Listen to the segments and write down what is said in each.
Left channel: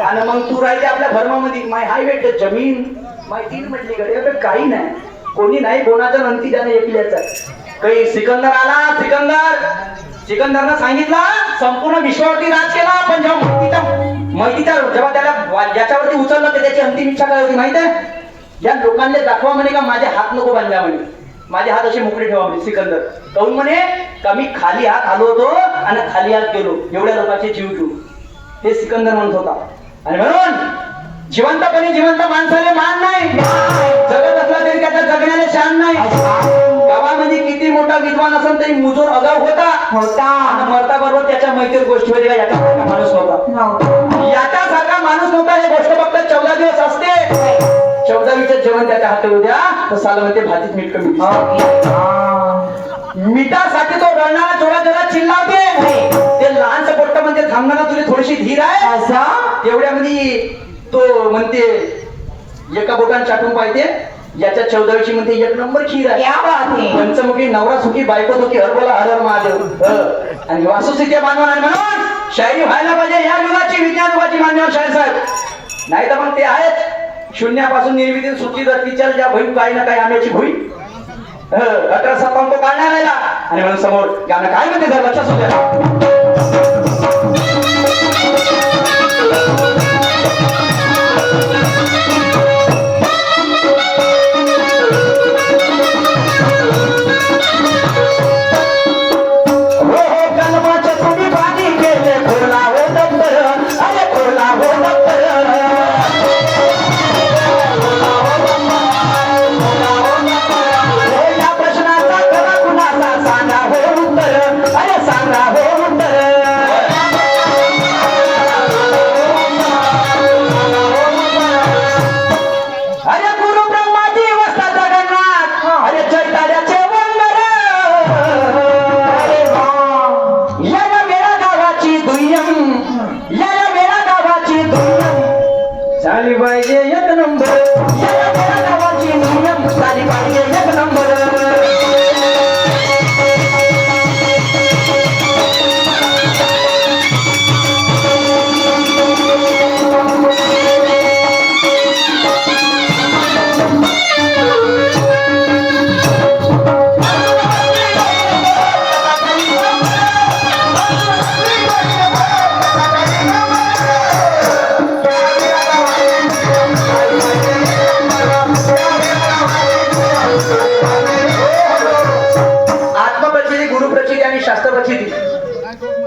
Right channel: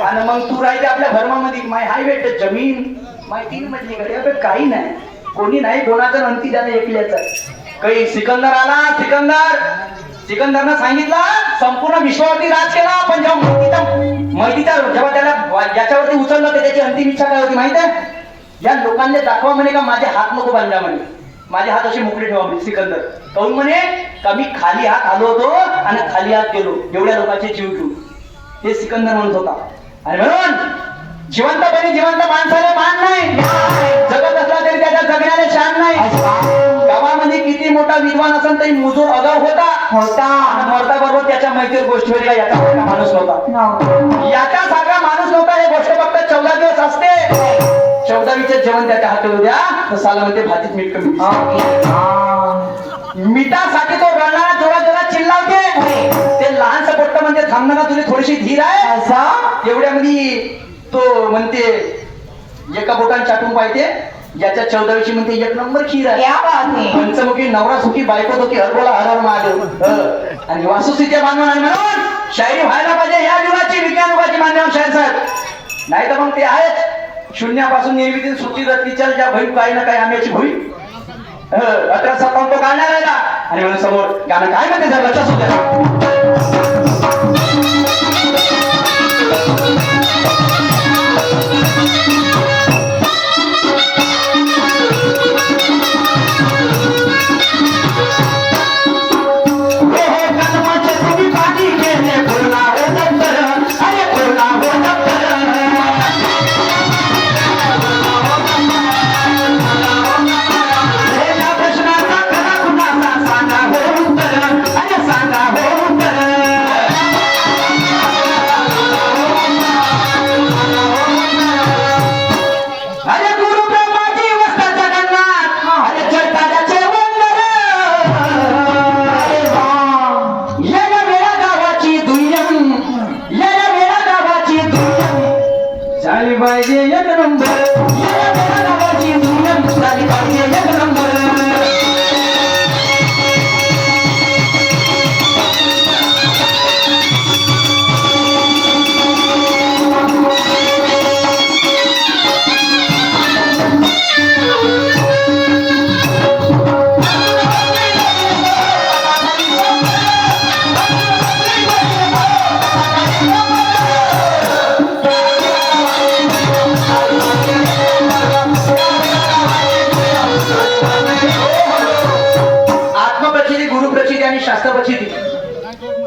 आणि मग तू राहते आपल्या भरमामध्ये माय हाय भेट जमीन माहिती म्हटली कडे काही नाही कोणी नाही कोणाचा नंती त्याने एकल्याचा काही सिकंदर आला सिकंदरनं सांगितलं संपूर्ण विश्वावरती राज केला पण जेव्हा माहितीच्या जेव्हा त्याला ज्याच्यावरती उचललं ते त्याची अंतिम इच्छा काय होती माहिती आहे ज्या लोकांना दाखवा म्हणे का माझे हात नको बांधला म्हणे माझे हात असे मोकळे ठेवा म्हणे सिकंदर कहून म्हणे का मी खाली हात आलो होतो आणि खाली हात गेलो एवढ्या लोकांचे जीव घेऊ ते सिकंदर म्हणत होता आणि म्हणून जिवंत माणसाने मान नाही जगत असला तरी त्याच्या जगण्याला शान नाही गावामध्ये किती मोठा विद्वान असेल तरी मुजोर अगाव होता आणि मरता बरोबर त्याच्या मैत्री गोष्टीवर याचा माणूस नव्हता याच्यासारखा माणूस नव्हता हे गोष्ट फक्त 14 दिवस असते 14वीचे जेवण त्याच्या हाती उद्या तर सालामध्ये भाजीत मीठ कमी मिठासाठी तो रडणारा जोरात चिल्लावते ते लहानसं पोट्ट म्हणते थांबणार तुला थोडीशी धीर आहे तेवढ्यामध्ये तो म्हणते एका बोटाने चाटून पाहिजे याच्या 14वीची म्हणते 1 नंबर खीर आहे पंचमुखी नवरा सुखी बायको सुखी हरबोला हर हर महादेव आणि वासुसीचे मानव आहे म्हणून शायरी व्हायला पाहिजे या युगाची विज्ञान युगाची मान्यवर शायर साहेब नाही तर मग ते आहेत शून्यापासून निर्मिती सूची रत्नीच्या ज्या बहीण काही ना काही आंब्याची भुई 1857 तो काढण्यात आला आणि म्हणून समोर गाणं काय म्हणते जर लक्षात होत्या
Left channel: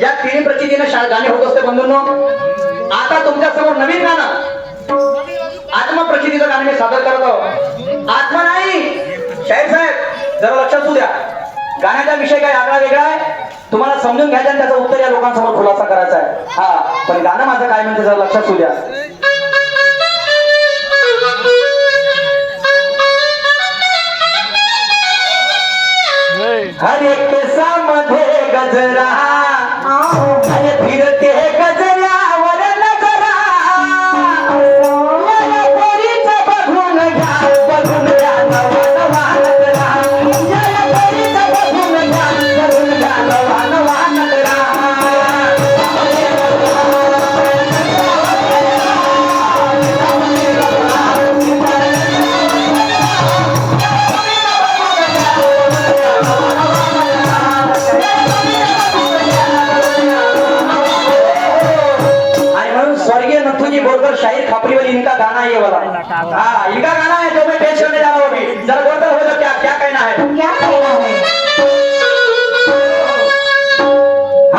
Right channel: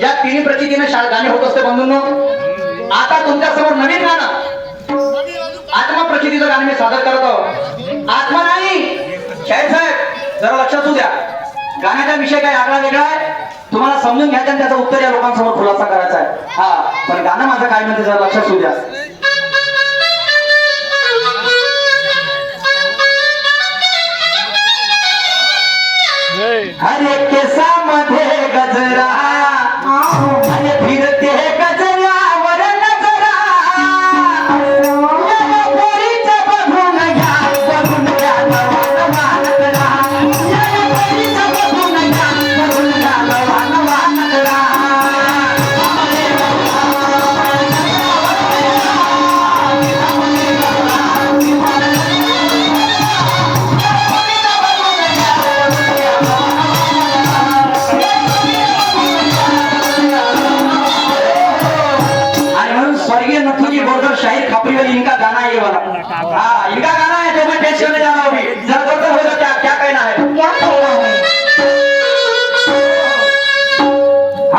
या तिन्ही प्रचितीने गाणे होत असते बंधूंनो आता तुमच्या समोर नवीन गाणं आत्मप्रचितीचं गाणं मी सादर करत आहोत आत्मा नाही शाहीर साहेब जरा लक्षात असू द्या गाण्याचा विषय काय आगळा वेगळा आहे तुम्हाला समजून घ्यायचं आणि त्याचं उत्तर या लोकांसमोर खुलासा करायचा आहे हा पण गाणं माझं काय म्हणते जरा लक्षात असू द्या हर एक केसामध्ये गजरा आणि फिरते गजरावर नजरा पोरीचं बघून घ्या नवान करा पोरीचं बघून घ्या नवान करा शाहीर खापरी वाली इनका गाना है ये वाला हाँ इनका गाना है जो मैं पेश करने जा रहा हूँ अभी जरा बोलते हो जो क्या क्या कहना है क्या कहना है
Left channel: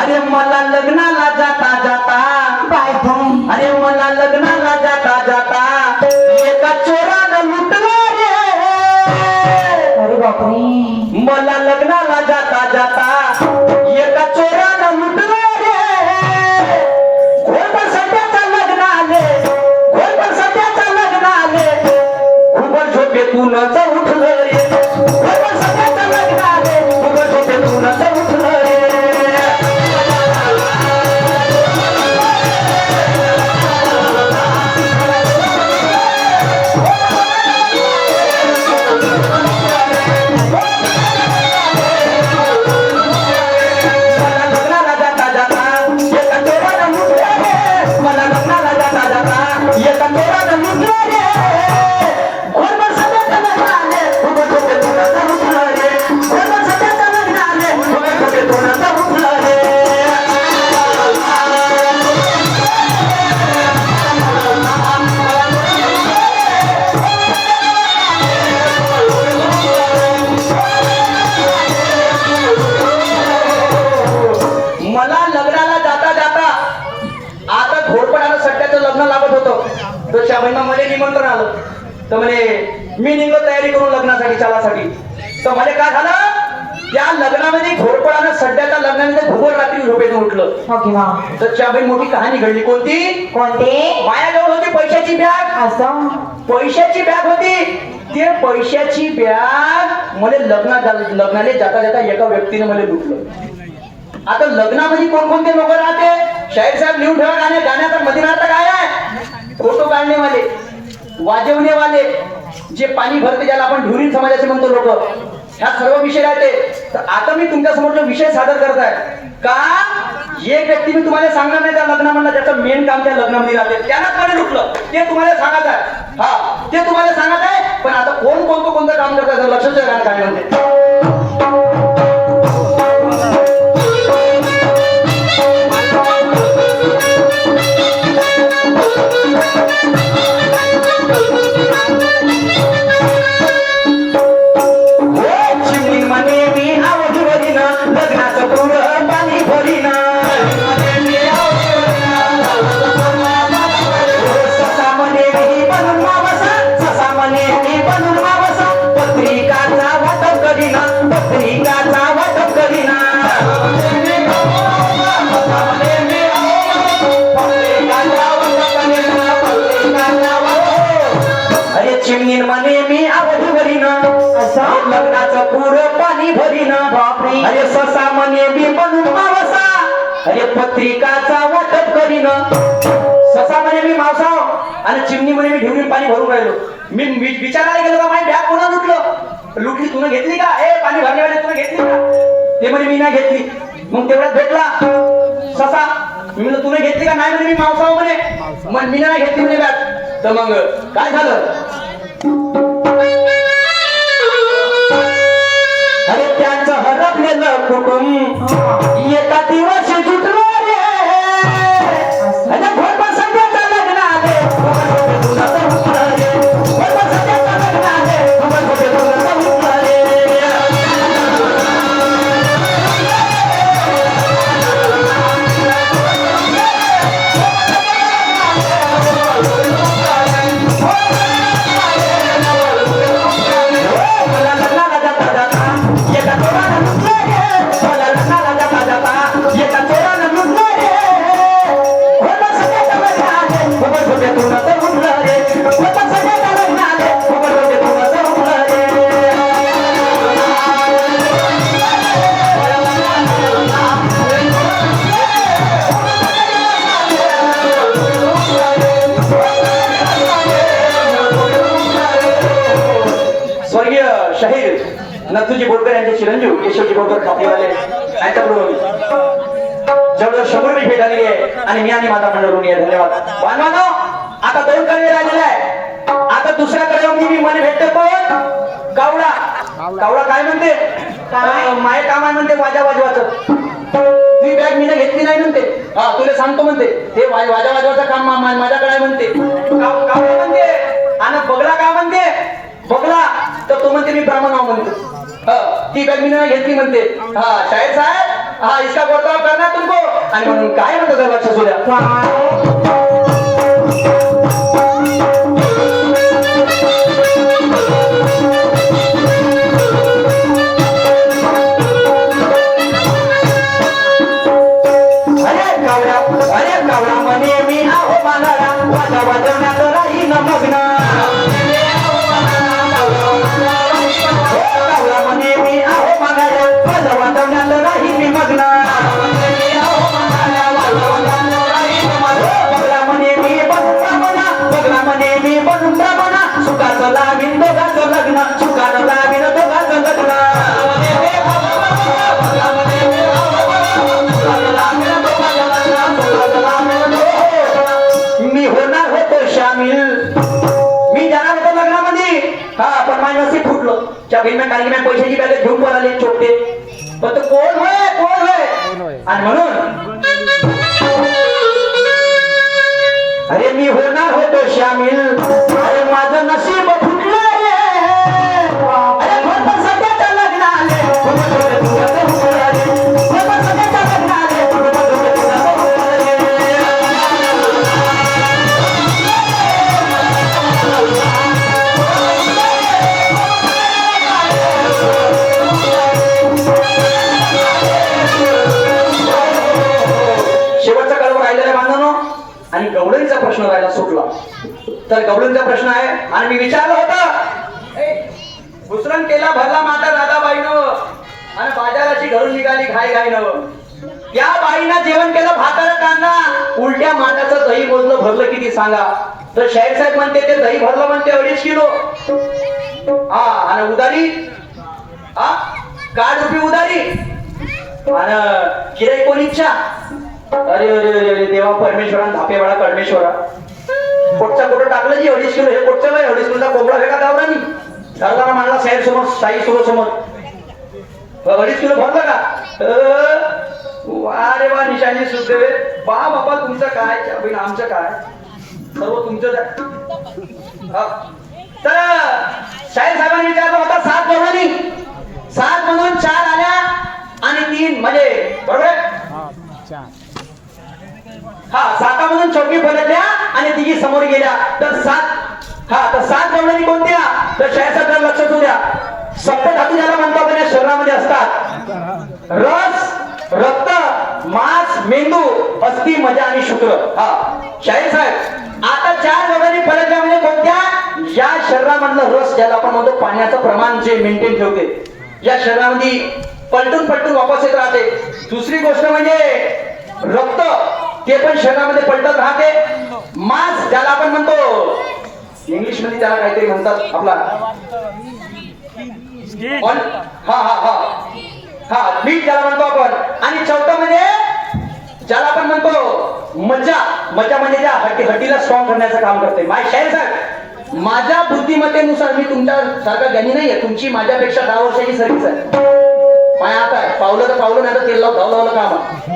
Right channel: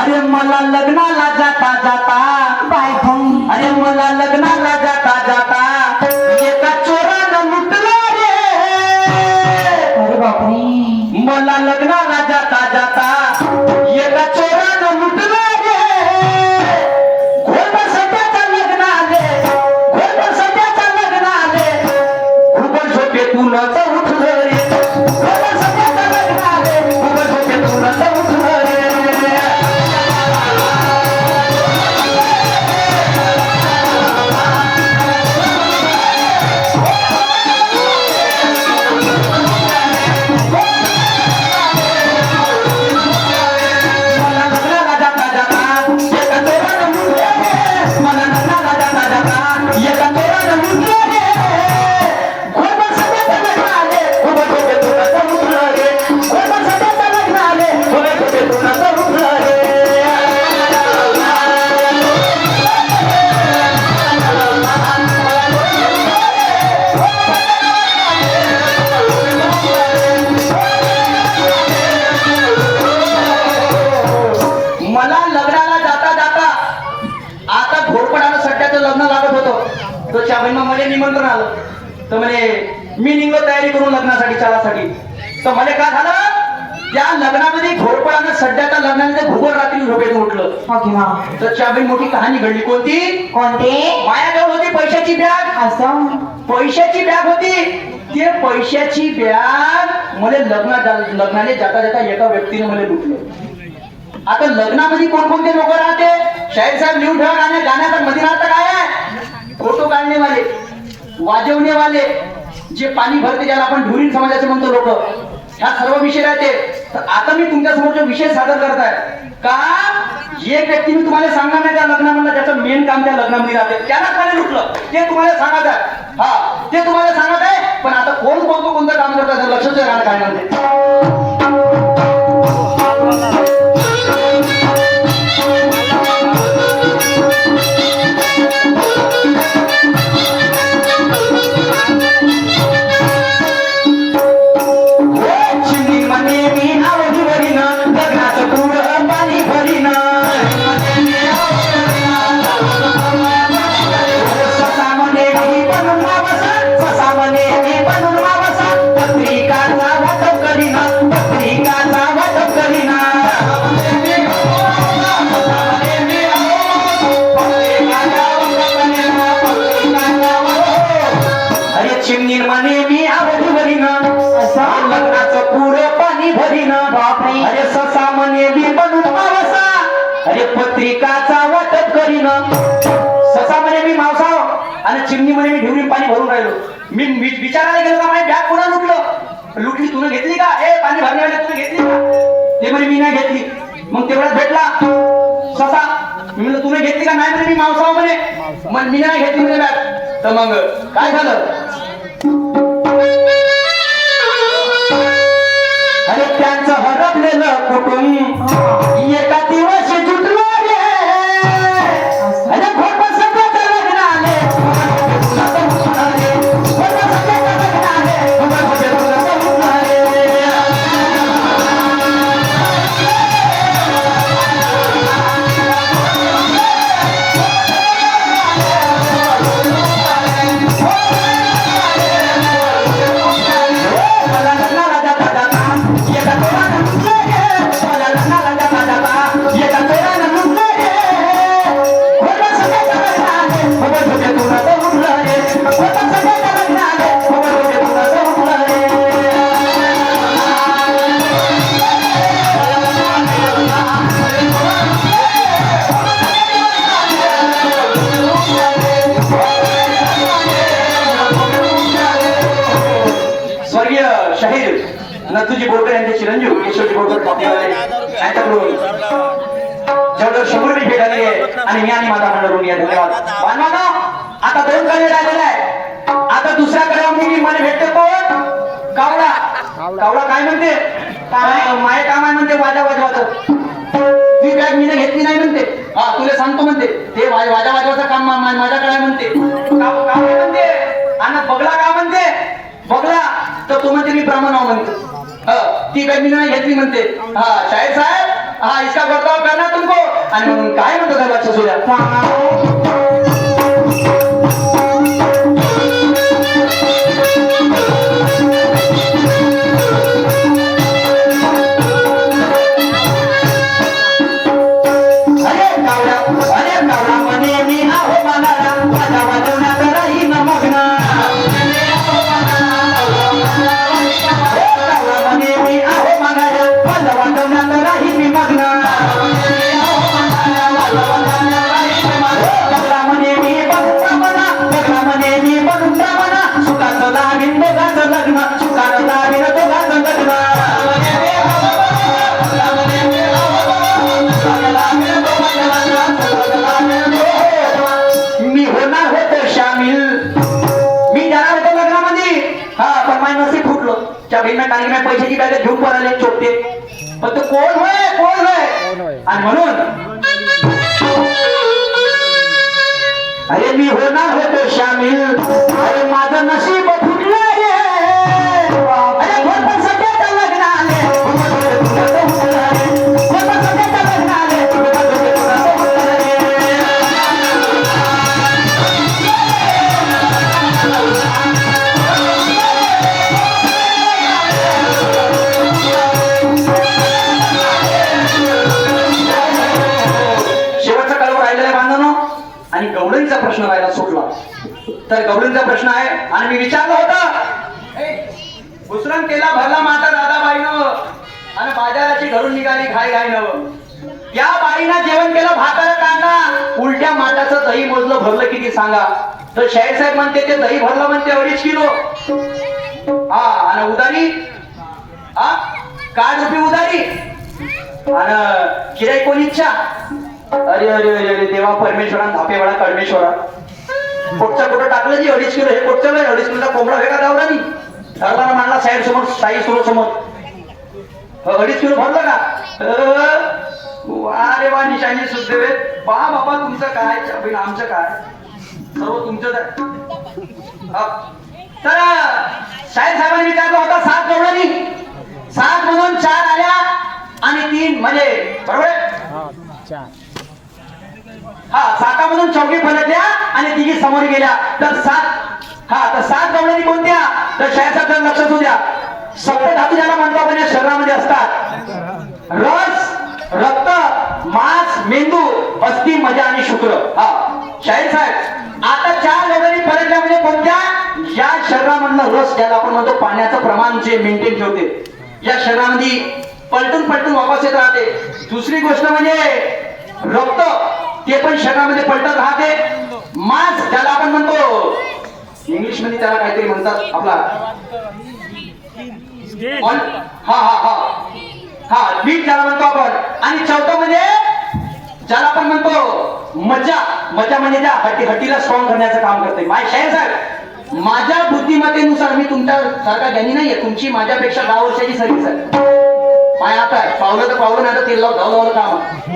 अरे मला लग्नाला जाता जाता अरे मला लग्नाला जाता जाता एका चोरानं लुटलं रे अरे बापरे मला लग्नाला जाता जाता एका चोरानं लुटलं रे घोडपर सध्याचा लग्नाले घोडपर सध्याचा लग्नाले घुबड झोपेतूनच उठलं रे घोडपर सध्याचा लग्नाले घुबड झोपेतूनच उठलं रे तर शाबाईंना मला निमंत्रण आलं. तर म्हणे मी निघलो तयारी करून लग्नासाठी चालासाठी. तर मला काय झालं, त्या लग्नामध्ये घोरपडानं सध्याच्या लग्नामध्ये भूगोल रात्री झोपेतून उठलं. तर त्यावेळी मोठी कहाणी घडली. कोणती? माझ्याजवळ होती पैशाची बॅग. असं पैशाची बॅग होती. ते पैशाची बॅग मला लग्नाला जाता जाता एका व्यक्तीने मला लुटलं. आता लग्नामध्ये कोणकोणते लोक राहते, शाहीर साहेब लिहून ठेवा. गाण्याचा मध्ये अर्थ काय आहे? फोटो काढणे वाले, वाजवणे वाले, जे पाणी भरते ज्याला आपण ढुरीण समाजाचे म्हणतो लोक, ह्या सर्व विषय राहते. तर आता मी तुमच्या समोर जो विषय सादर करताय का, एक व्यक्ती मी तुम्हाला सांगणार नाही त्या लग्नामधला, ज्याचं मेन काम त्या लग्नामध्ये राहते, त्यालाच मला लुटलं. ते तुम्हाला सांगत आहे. हा, ते तुम्हाला सांगत आहे. पण आता कोणतं काम करतात लक्षात आहे गाणं काय म्हणते. लग्नाचं पुरं पाणी भरीन. अरे ससा म्हणे मी बनून मावसा, अरे पत्रिकाचा वाटप करीन. ससा म्हणे मी मावसाव आणि चिमणी म्हणे मी ढेवरी पाणी भरून राहिलो. मी विचारायला गेलो का माझी बॅग कोणा लुटली तुम्ही घेतली का? पाणी भरण्यावाले तुम्ही घेतली का? ते म्हणे मी नाही घेतली. मग तेवढ्यात भेटला ससा. मी म्हणलं तुम्ही घेतली का? नाही म्हणे मी मावसाव म्हणे. मग मी नाही घेतली म्हणे बॅग. तर मग काय झालं? अरे त्यांचं हरपलेलं कुटुंब एका दिवस जुटलं रे. अरे भोट सध्याचं लग्न आले, शाहीर नथुजी बोरकर यांचे चिरंजीव केशवजी बोरकर बापलेवाले यांच्याकडून जवळजवळ 100 रुपये भेट आलेली आहे. आणि मी आणि माझा मंडळून या धन्यवाद. बांधवानो, आता 2 कडवे राहिलेले आहे. आता दुसऱ्या कडव्यामध्ये मी मला भेटते कोण? कावळा. कावळा काय म्हणते? माय काम आहे म्हणते वाजा वाजवाचं. ती बॅग मी घेतली नाही म्हणते. हा, तुला सांगतो म्हणते ते वाजा वाजवाचं काम माझ्याकडे म्हणते. कावळा म्हणते. आणि बगला का म्हणते? बगला तर तो म्हणते मी ब्राह्मणाव म्हणतो. ती बॅग मी नाही घेतली म्हणते. हा, शाहीर साहेब, हा इसका बर्ताव करना तुमको. आणि म्हणून काय म्हणतो त्या लक्ष सोड्या. अरे कावळा म्हणे मी आहो मालाला, वाजा वाजवण्यात राहीन मग्न. म्हणे मी आहो मागाया, वाजा वाजवण्यात राहीन मग्न. बगला म्हणे मी बनून ब्राह्मणा, बगला म्हणे मी बनून ब्राह्मणा. सुखाचं लावीन दोघांचं लग्न, सुखानं लावीन दोघांचं लग्न. मी होणार होतो शामिल, मी जाणार होतो लग्नामध्ये. हा, पण माझं नशीब फुटलो. त्या भीमा कारण मी पैशाची बॅग घेऊन पळाले चोपते. पण तो कोण होय. आणि म्हणून अरे मी होणार होतो शामिल, अरे माझं नशीब फुटलं रे. अरे भरपूर सध्याचं लग्न आले, आणि गवळणीचा प्रश्न राहिला सुटला. तर गवळणीचा प्रश्न आहे आणि मी विचारलं होतं, घुसरण केला भरला माता दादाबाईनं आणि बाजाराची घरून निघाली घाई घाई नव. या बाईनं जेवण केलं भाकर कांदा, उलट्या माठाचं दही मोजलं भरलं किती सांगा. तर शाहीर साहेब म्हणते ते दही भरलं म्हणते 2.5 किलो. हा आणि उदारी, हा काढ रुपी उदारी आणि किराई कोणीच्या. अरे अरे अरे देवा परमेश्वरा धापे वेळा परमेश्वरा, पोटच्या कुठं टाकलं जी 2.5 किलो. हे पोटच्या 2.5 किलोचा कोंबडा वेगळा धावला नाही. धरला म्हणला शाहीर समोर, शाही सुरू समोर 2.5 किलो भरलं का. वा रे वा निशाणी सुखदेव, बा बाबा तुमचं काय आमचं काय सर्व तुमचंच आहे. तर शाहीर साहेबांनी विचारलं होता 7 गवळणी, 7 म्हणून 4 आल्या आणि 3 म्हणजे बरोबर. हा 7 म्हणून चौकी पलटल्या आणि 3 समोर गेल्या. तर 7, हा तर 7 गवळणी कोणत्या. तर शाहीर साहेब लक्षात होऊ द्या, सप्तधातू ज्याला म्हणतो आपण या शरीरामध्ये असतात. रस, रक्त, मांस, मेंदू, अस्थि, मजा आणि शुक्र. हा शाहीर साहेब आता 4 गवळणी पलटल्या म्हणजे कोणत्या. या शरीरामधलं रस ज्याला आपण म्हणतो पाण्याचं प्रमाण जे मेंटेन ठेवते, या शरीरामध्ये पलटून पलटून वापस येत राहते. दुसरी गोष्ट म्हणजे रक्त, ते पण शरीरामध्ये पलटत राहते. मांस ज्याला आपण म्हणतो इंग्लिश मध्ये त्याला काहीतरी म्हणतात आपला हा हा हा हा मीठ ज्याला म्हणतो आपण. आणि चौथं म्हणजे ज्याला आपण म्हणतो मजा, मजा म्हणजे त्या हड्डीला स्ट्रॉंग करण्याचं काम करते. शाहीर साहेब माझ्या बुद्धिमत्तेनुसार मी तुमच्या सारखा ज्ञानी नाहीये, तुमची माझ्यापेक्षा 10 वर्षाची सर्व्हिस आहे. पाय आता आहे, पावलं तर पावलं नाही तर तेल लावलं काम आहे.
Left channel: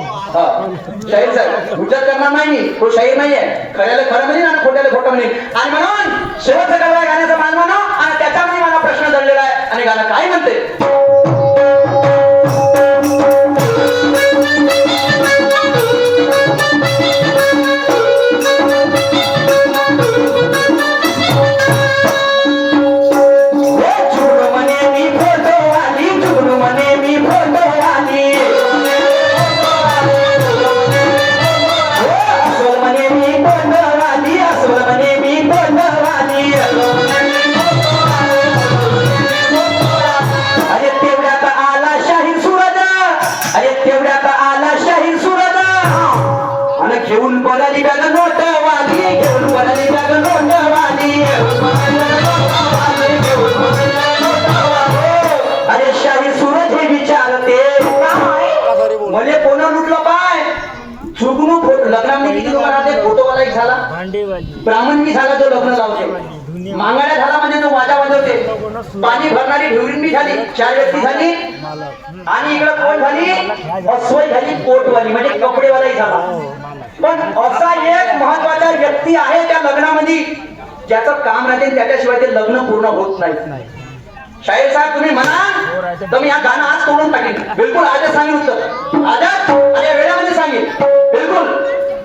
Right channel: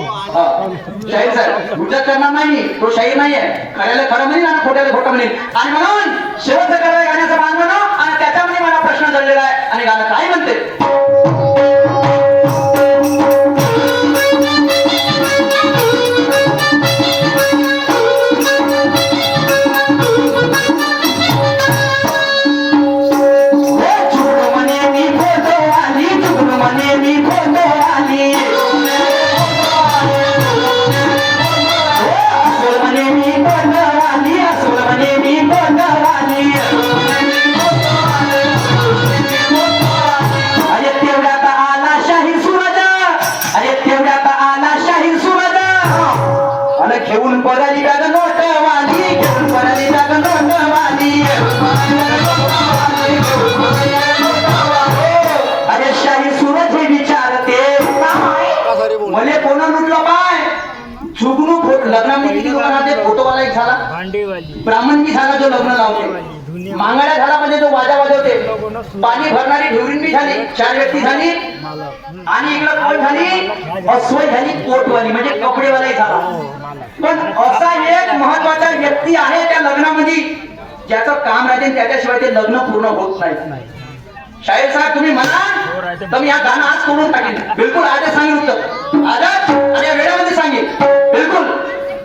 शाहीर साहेब गुजरात करणार नाही, तो शाहीर नाहीये. खऱ्याला खरं म्हणेल आणि खोट्याला खोटं म्हणेल. आणि म्हणून शेवटचं गाणं गाण्याचं मान म्हणा आणि त्याच्यामध्ये मला प्रश्न जडलेला आहे. आणि गाणं काय म्हणते. घेऊन पराली बॅग नोटवाली, घेऊन पराली बॅग नोटवाली. अरे शाहीर सूरज हे विचारते मले कोण लुटलं पाय. जुगनू लग्नामध्ये किती लोक राहते. फोटोवाला एक झाला, ब्राह्मण बी झाला जो लग्न लावते, मांगाड्या झाला म्हणजे जो वाजा वाजवते, पाणी भरणारी ढेवरीन बी झाली, 4 व्यक्ती झाली. आणि इकडे कोण झाली, अस्वय झाली, कोटवाली म्हणजे कपडेवालाही झाला. पण असा एक महत्वाचा व्यक्ती आहे त्या लग्नामध्ये ज्याचं काम राहते, त्याच्याशिवाय ते लग्न पूर्ण होत नाही. शाहीर साहेब तुम्ही म्हणा तर मी या गाणं आज तोडून टाकेन. बिलकुल आजच सांगेन उत्तर, आजच आणि या वेळामध्ये सांगेन बिलकुल.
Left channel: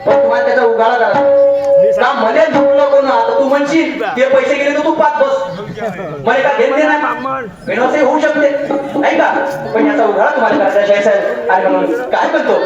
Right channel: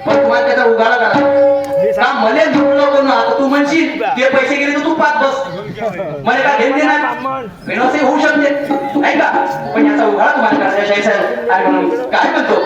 पण तुम्हाला त्याचा उगाळा करा. मला लुटलं कोण. आता तू म्हणशील ते पैसे गेले तर तू पाच बस, मला का घेतले नाही मेनसे होऊ शकते नाही का. पण याचा उगाळा तुम्हाला करायचा शाहीर साहेब. आणि म्हणून काय म्हणतो